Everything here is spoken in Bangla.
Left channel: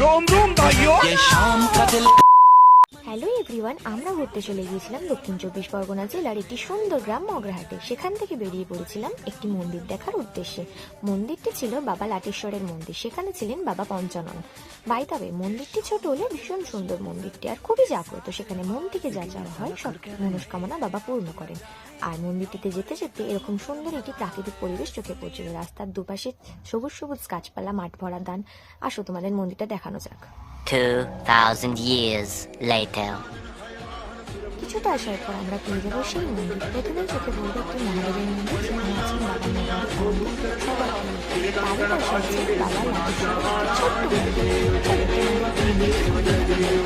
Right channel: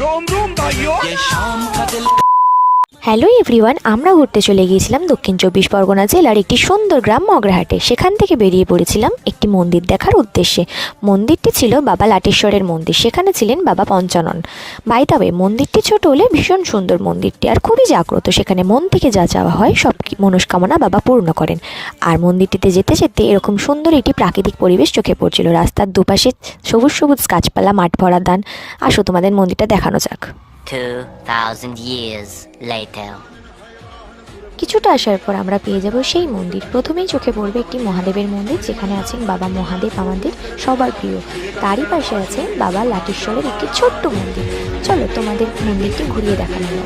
Rom, rom dayı. Yaşam katil. Hello everyone আমরা ঘুরতে চলে গিয়েছিলাম দক্ষিণ চব্বিশ পরগনা জেলার একটি সুন্দর গ্রাম মগরাহাটে। সেখান থেকে বেরিয়ে পড়েছিলাম একটি মন্দির দেখার উদ্দেশ্যে। মন্দিরটি ছিল বাবা লাটেশ্বরের মন্দির, সেখানে ছিলেন বাবা পঞ্চানন। বাই দ্য ওয়ে মন্দিরটি ছোট হলে ভীষণ সুন্দর মন্দিরটি, আর খুবই জাগ্রত, সেখানে মন থেকে যা চাওয়া হয় সব মনস্কামনা বাবা পূর্ণ করেন। আর মন্দিরটিতে যেতে যেতে এরকম সুন্দর একটি প্রাকৃতিক পরিবেশ চোখে পড়ছিল। রাস্তার দুপাশে সবুজ সবুজ গাছপালা, মাঠ ভরা দান আসো তোমাদের মন্দিরটা দেখানো যাক। 2000 years later. কিছুটা আসার পর আমরা পেয়ে যাব সেই মন্দির। প্রথমেই চোখে পড়বে একটি মহাদেবের মন্দির, যেখানে আছেন বাবা মহাদেব, আমাদের সবার প্রিয়। তারই পাশে আছে বাবা লাটেশ্বরের একটি ছোট্ট মন্দির। চলো তোমাদের মন্দিরটি ঘুরিয়ে দেখা হবে